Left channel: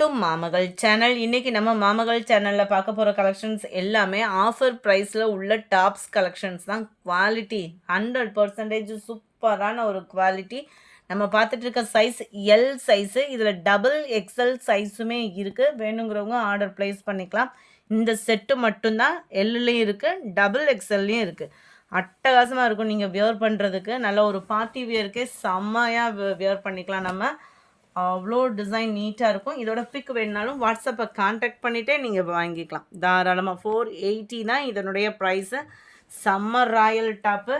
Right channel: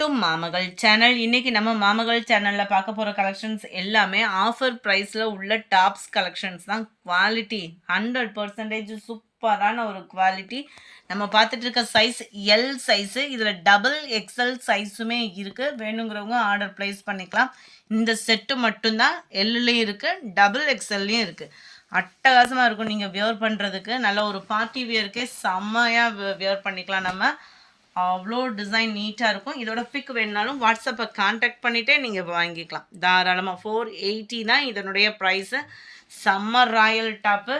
To மாமகள் channel. இன்னைக்கு நம்ம மாமகள் சேனல்ல பார்க்க போற கலெக்ஷன்ஸ் எல்லாமே ஆஃபர் பிரைஸ்ல உள்ள டாப்ஸ் கலெக்ஷன்ஸ் தான். குவாலிட்டி 100% சூப்பரான ஒரு குவாலிட்டி. நம்ம பார்த்துட்டு இருக்க சைஸ் எல் சைஸு. இதில் டபுள் எக்ஸ்எல் சைஸுமே இருக்கு. வேணுங்கிறவங்க ஆர்டர் பிளேஸ் பண்ணிக்கலாம். இந்த செட்டு மட்டும்தான் எல்லுலேயும் இருக்கு, டபுள் எக்ஸ்எல்லையும் இருக்கு. அட்டகாசமாக இருக்கும் நீங்கள் வியர் பண்ணுறதுக்கு. நல்ல ஒரு பார்ட்டி வியருக்கே செம்மையாக வியர் பண்ணிக்கலாம் நம்ம. அவ்வளோ டிசைன் நீட்டாக இருக்கும். இதோட பிக் வேணுனாலும் வாட்ஸ்அப்பை கான்டாக்ட் பண்ணிவிட்டே நீங்கள் வாங்கிக்கலாம் தாராளமாக. 480 தான் இதனுடைய ப்ரைஸு. சம்மர் ராயல் டாப்பு,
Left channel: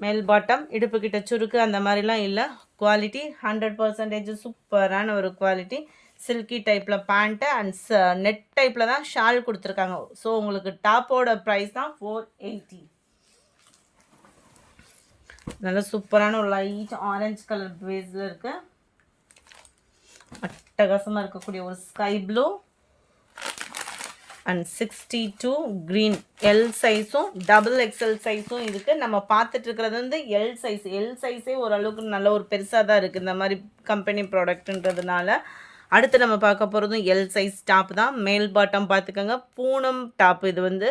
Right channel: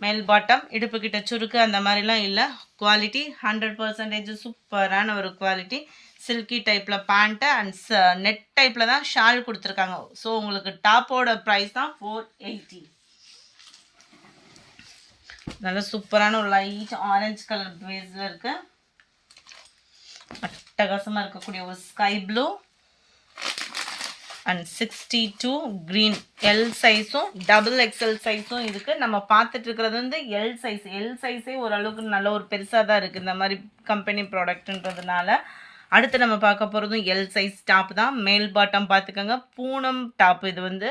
மேல் பாட்டம், இடுப்புக்கிட்ட சுருக்கு அந்த மாதிரிலாம் இல்லை. குவாலிட்டி 100% சூப்பரான ஒரு குவாலிட்டி. சில்கி டைப்பில் பேண்ட்டு அண்ட் நெட் டைப்பில் தான் ஷால் கொடுத்துருக்காங்க. ஸோ உங்களுக்கு டாப்போட ப்ரைஸ் தான் 480. நல்ல சூப்பரான ஒரு லைட் ஆரஞ்சு கலர் பேஸில் இருக்குது. அட்டகாசமாக இருக்கக்கூடிய ஒரு sky blue and 62 green. L சைஸும் டபுள் எக்ஸ்எல் சைஸும் இருக்குது. நம்ம பார்த்துட்டு இருக்கிறது வந்து எல் சைஸ். எல் சைஸே ஓரளவுக்கு நல்ல ஒரு பெருசாக தான் இருக்குது இந்த மாதிரி கம்பெனி ப்ராடக்ட்ன்றதுனால. அடுத்து நம்ம பார்க்க போகிறதும் எல் சைஸ் டாப் தான். மேல் பாட்டம் பார்த்துக்கோங்க, பூனம் டாப். இது வந்து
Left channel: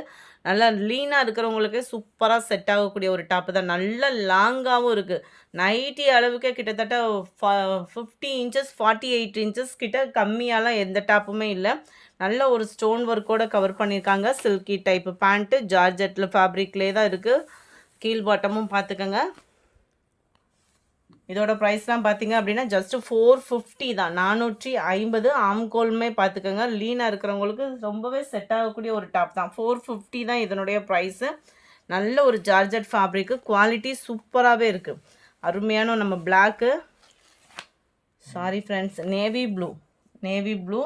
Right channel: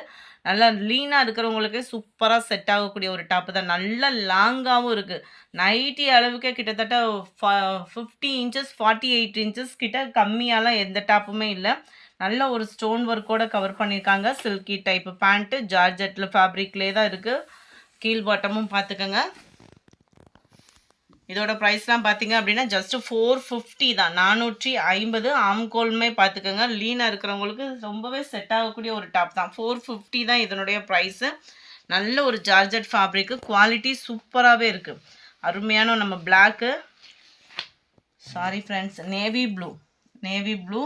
நல்லா லீனாக இருக்கிறவங்களுக்கே சூப்பராக செட் ஆகக்கூடிய ஒரு டாப்பு தான். நல்ல லாங்காகவும் இருக்குது. நைட்டி அளவுக்கே கிட்டத்தட்ட 50 இன்ச்சஸ் 48 இன்ச்சஸ் கிட்ட கம்மியாலாம் எந்த டாப்புமே இல்லை. நல்ல ஒரு ஸ்டோன் ஒர்க்கோட கவர் பண்ணியிருக்காங்க. சில்கி டைப்பு பேண்ட்டு, ஜார்ஜெட்டில் ஃபேப்ரிக்லேயே தான் இருக்குது. கீழ் பாட்டமும் பார்த்துக்கோங்க. இதோட ப்ரைஸ்லாம் பார்த்தீங்க அப்படின்னா ஜஸ்ட் 450 தான். 450. ஆம்கோலுமே பார்த்துக்கோங்க. லீனாக இருக்கிறவங்களுக்கு ரொம்பவே செட் ஆகக்கூடிய ஒரு டாப் தான். 450 தான் இதனுடைய ப்ரைஸு. நல்ல ஒரு ஜார்ஜெட் ஃபேப்ரிக்கு. குவாலிட்டி சூப்பராகவே இருக்குது. அருமையான நம்ம black, sorry friends, navy blue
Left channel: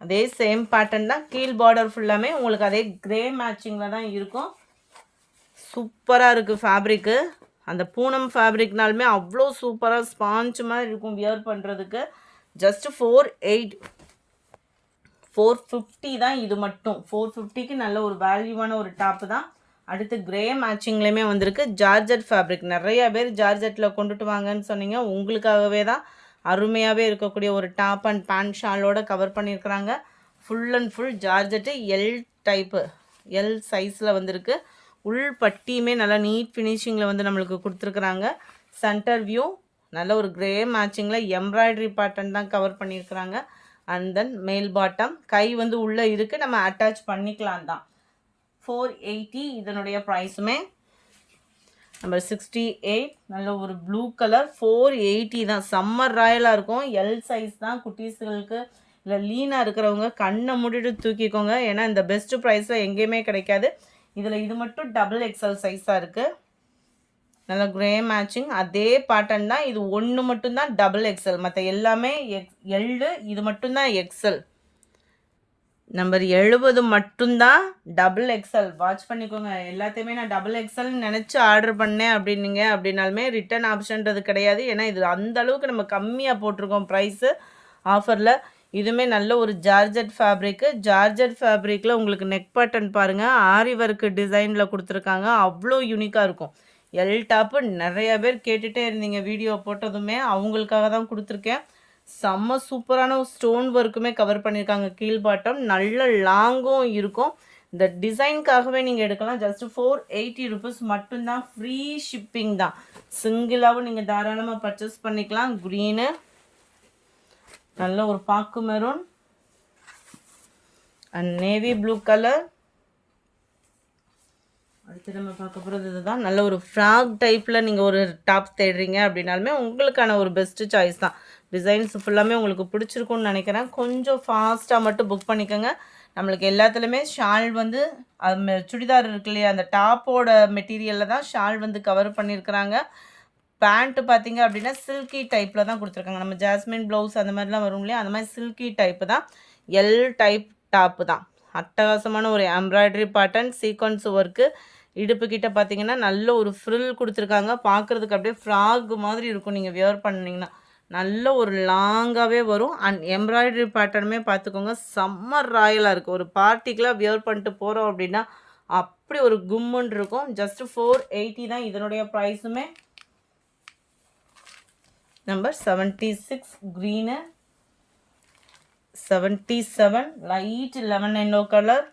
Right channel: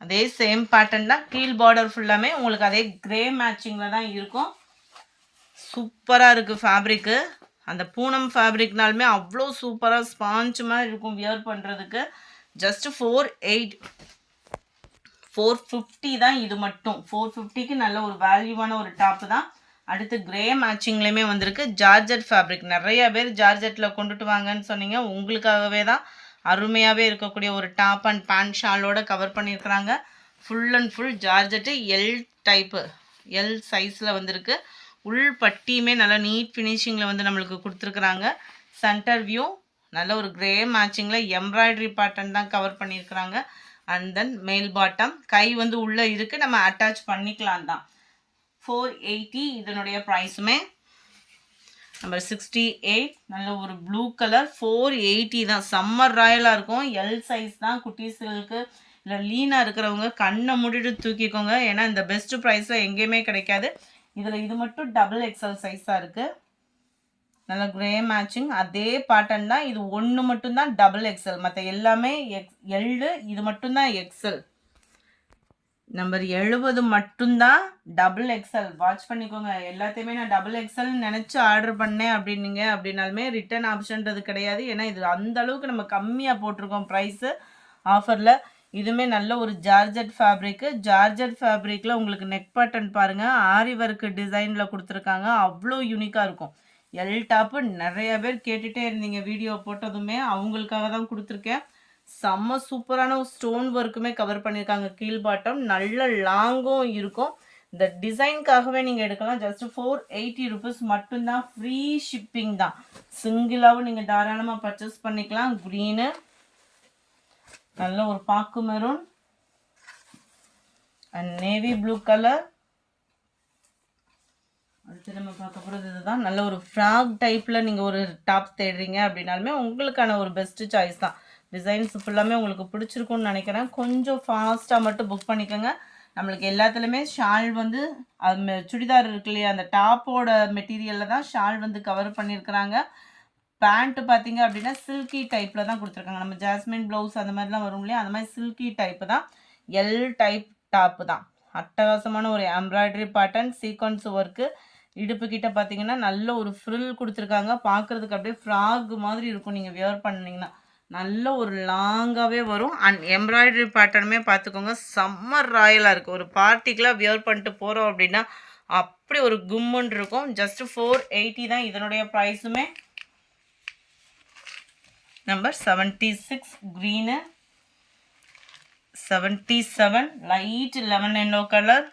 அதே சேம் பேட்டர்ன் தான். கீழ் பார்டர் ஃபுல்லாமே உங்களுக்கு அதே கிரே மேட்சிங்கில் தான் இருக்கும். சூப்பராக இருக்குது ஃபேப்ரிக்கு. அந்த பூனம் ஃபேப்ரிக்னாலுமே அவ்வளோ சூப்பராக ஸ்பாஞ்ச் மாதிரி இருக்கும் வியர் பண்ணுறதுக்கு. ஜஸ்ட் 450 தான் இது மட்டும். 450க்கு நல்ல ஒரு வேல்யூவான ஒரு டாப்பு தான். அடுத்து கிரே மேட்சிங்லேயுமே வந்திருக்கு. Georgette fabric. நிறையா பேர் ஜார்ஜெட்டில் கொண்டுட்டு வாங்கன்னு சொன்னீங்க. உங்களுக்காகவே தான் அருமையாகவே இருக்கக்கூடிய ஒரு டாப் அண்ட் பேண்ட் ஷாலோட கவர் பண்ணியிருக்கிறாங்க. Full and full georgette L type, L சைஸில் வந்திருக்கு. உள் பட்டியுமே நல்லா நீட் ஃபினிஷிங்கில் வந்து நம்மளுக்கு கொடுத்துருக்குறாங்க. சென்டர் வியூ நல்ல ஒரு கிரே மேட்சிங்கில் எம்ப்ராய்டரி பேட்டர்ன் தான் கவர் பண்ணியிருக்கிறாங்க. அண்ட் தென் மேல் பாட்டம் கை வந்து உள்ளே இருக்குது, நம்ம அட்டாச் பண்ணிக்கலாம் தான். 480 இதனுடைய ப்ரைஸுமே. நம்பர் 68 நல்ல ஒரு ப்ளூ கலர். 480 தான். சம்மர் ராயலாக இருக்கும். எல் சைஸ் தான். குட்டீஸ்களுக்கு இல்லை லீனாக இருக்கிறவங்க கண்ணை மூடிட்டு தூக்கிக்கோங்க. ஏன்னா இந்த பெஸ்ட்டு ப்ரைஸில் எங்கேயுமே கிடைக்காது. இதில் இது மட்டும் டபுள் எக்ஸ்எல் சைஸாக இருக்குது. நல்ல கிரே மேட்சிங். அதே பேட்டர்ன் தான். இது ஒன்று மட்டும்தான் டபுள் எக்ஸ்எல், மற்ற எல்லாமே எல்லு. இது மட்டும்தான் எக்ஸ்எல். நம்பர் 70 மட்டும்தான் டபுள் எக்ஸ்எல். வாட்ச் பண்ணிக்கோங்க. எல்லாத்தையுமே நான் டபுள் எக்ஸ்எல் நினச்சி ஆர்டர் பண்ணேன் அப்படின்னாலுமே ரிட்டர்ன் ஆப்ஷன்றது கிடையாது. ஏன்னா இது அந்த அளவுக்கு நம்ம கம்மியாக போட்டிருக்கோம் ப்ரைஸு ஆஃபரில். இதுவுமே நல்ல ஒரு ஜார்ஜெட் ஃபேப்ரிக்கு. ஜார்ஜெட் ஃபேப்ரிக்கில் உங்களுக்கு நெக் பேட்டர்ன் பாருங்கள், ஆரி ஒர்க்கு டிசைனில் கொடுத்துருக்காங்க. அவ்வளோ யூனிக்காக இருக்கும். எல் டாப்பு நிறையா பேர் கேட்டுகிட்டே இருந்தீங்க வீடியோ போட்டதுமே. அவங்களுக்காக தான் கொடுத்துருக்கேன். செம்ம சூப்பரான ஸ்டோன் ஒர்க்குமே கவர் பண்ணியிருக்காங்க. கீழ் பாட்டம் நல்ல லாங்கும் இருக்கும். இந்த டிசைனுக்காகவே நீங்கள் எடுக்கலாம். ஜஸ்ட் 480 ருபீஸ் மட்டும்தான். ஃப்ரீ ஷிப்பிங் தான். சிங்கிளாகவும் நீங்கள் தாராளமாக பர்ச்சேஸ் பண்ணிக்கலாம். க்ரீனு, நல்ல ஒரு பாக்கு maroon and navy blue colour. அடுத்து நம்ம பார்க்க போகிறது இதுதான். நல்ல ஒரு ஃப்ராக் டைப்பில் நீங்கள் ஒரு டாப் தேடுறீங்க அப்படின்னாலுமே உங்களுக்கான ஒரு பெஸ்ட்டு சாய்ஸ் தான். டிசைன்ஸ் ஃபுல்லாமே உங்களுக்கு பிடிச்சிருக்கும்னு நினைக்கிறேன். கொஞ்சம் ஃபாஸ்ட்டாக மட்டும் புக் பண்ணிக்கோங்க. நம்மளுக்கு எல்லாத்துலேயுமே ஷால் வந்து சுடிதார் இருக்கு இல்லையா, அந்த டாப்போட மெட்டீரியலில் தான் ஷால் வந்து கவர் பண்ணியிருக்கிறாங்க. பேண்ட்டு பார்த்தீங்க அப்படின்னா சில்கி டைப்பில் தான் கொடுத்துருக்காங்க. நம்ம ஜாஸ்மின் ப்ளவுஸ் அந்த மாதிரிலாம் வரும் இல்லையா, அந்த மாதிரி சில்கி டைப்பு தான். எல் டைப் டாப்பு தான். அட்டகாசமான ஒரு எம்ப்ராய்டரி பேட்டர்ன், சீக்வன்ஸ் ஒர்க்கு. இடுப்பு கிட்ட பார்த்தீங்கன்னா நல்ல ஒரு ஃப்ரில் கொடுத்துருக்காங்க. பார்க்குறதுக்கு அப்படியே ஃப்ராக் மாதிரி இருக்கும் நீங்கள் வியர் பண்ணிங்கன்னா. நல்ல ஒரு லாங்காகவே வரும். அண்ட் எம்ப்ராய்டரி பேட்டர்னுமே பார்த்துக்கோங்க, சம்மர் ராயலாக இருக்குது. ஒரு பார்ட்டிக்கெலாம் வியர் பண்ணிட்டு போகிறோம் அப்படின்னா அப்படி ஒரு கும்முன்னு இருக்கும். ஜஸ்ட் 480 தான் இதனுடைய ப்ரைஸுமே. Number 76 green 77 light lemon yellow colour,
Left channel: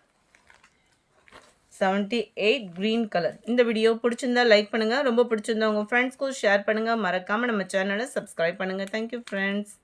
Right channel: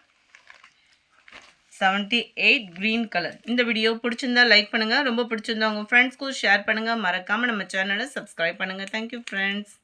78 green colour. இந்த வீடியோ பிடிச்சிருந்தா லைக் பண்ணுங்கள், ரொம்ப பிடிச்சிருந்தா உங்கள் ஃப்ரெண்ட்ஸ்க்கும் ஷேர் பண்ணுங்கள், மறக்காமல் நம்ம சேனலை சப்ஸ்கிரைப் பண்ணுங்கள். Thank you friends.